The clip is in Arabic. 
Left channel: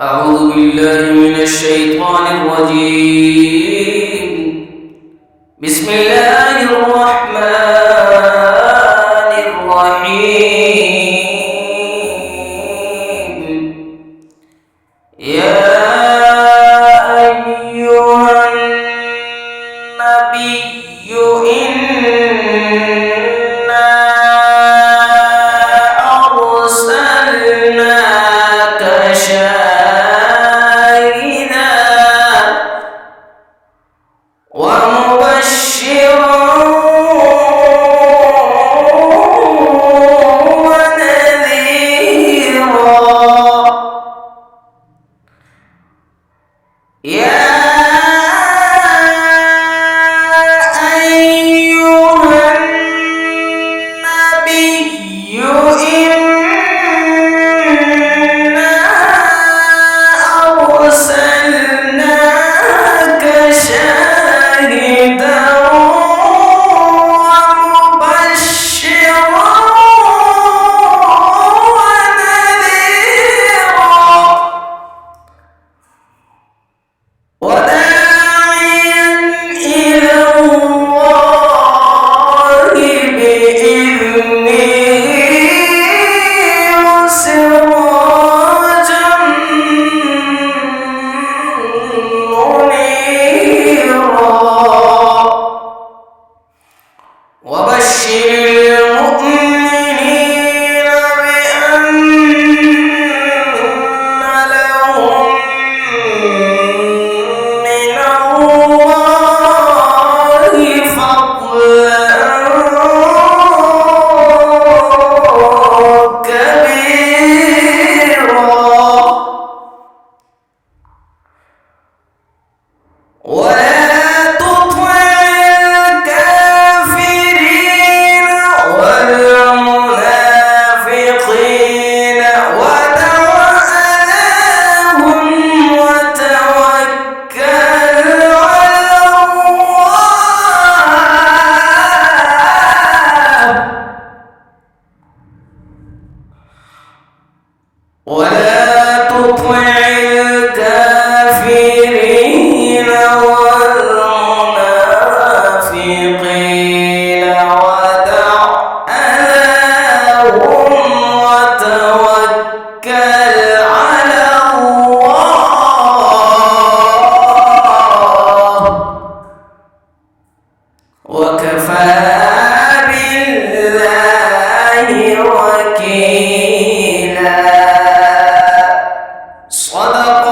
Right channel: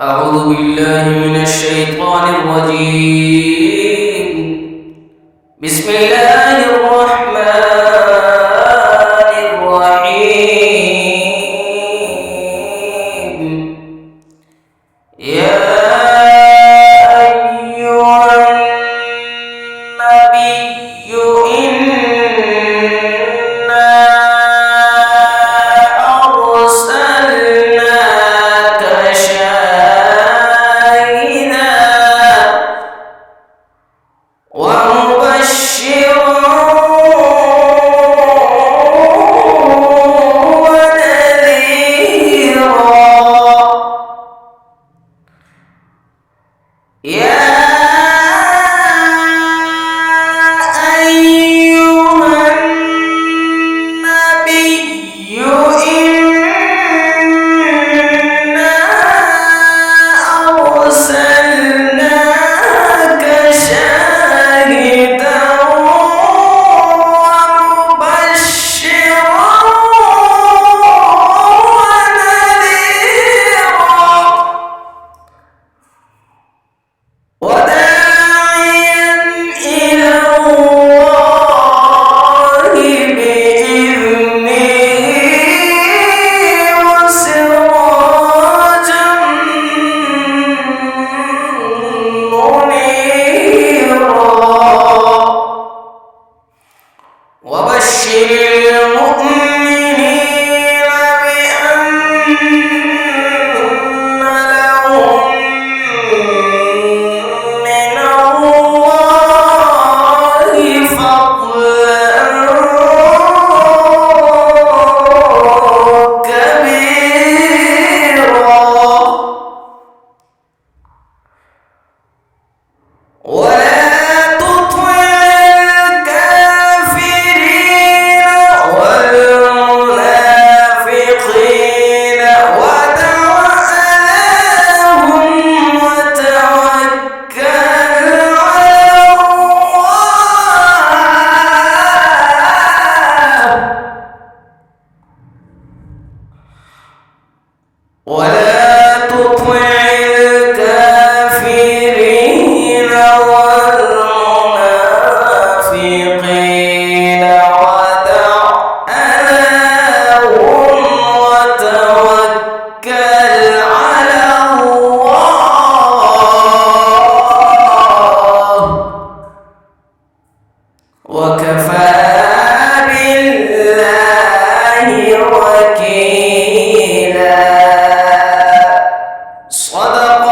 أعوذ بالله من الشيطان الرجيم. بسم الله الرحمن الرحيم. يا أيها النبي إنا أرسلناك شاهدا ومبشرا ونذيرا. يا أيها النبي إنا أرسلناك شاهدا ومبشرا ونذيرا وداعيا إلى الله بإذنه وسراجا منيرا. وبشر المؤمنين بأن لهم من الله فضلا كبيرا. ولا تطع الكافرين والمنافقين ودع أذاهم وتوكل على الله. ولا تطع الكافرين والمنافقين ودع أذاهم وتوكل على الله وكفى بالله وكيلا. صدق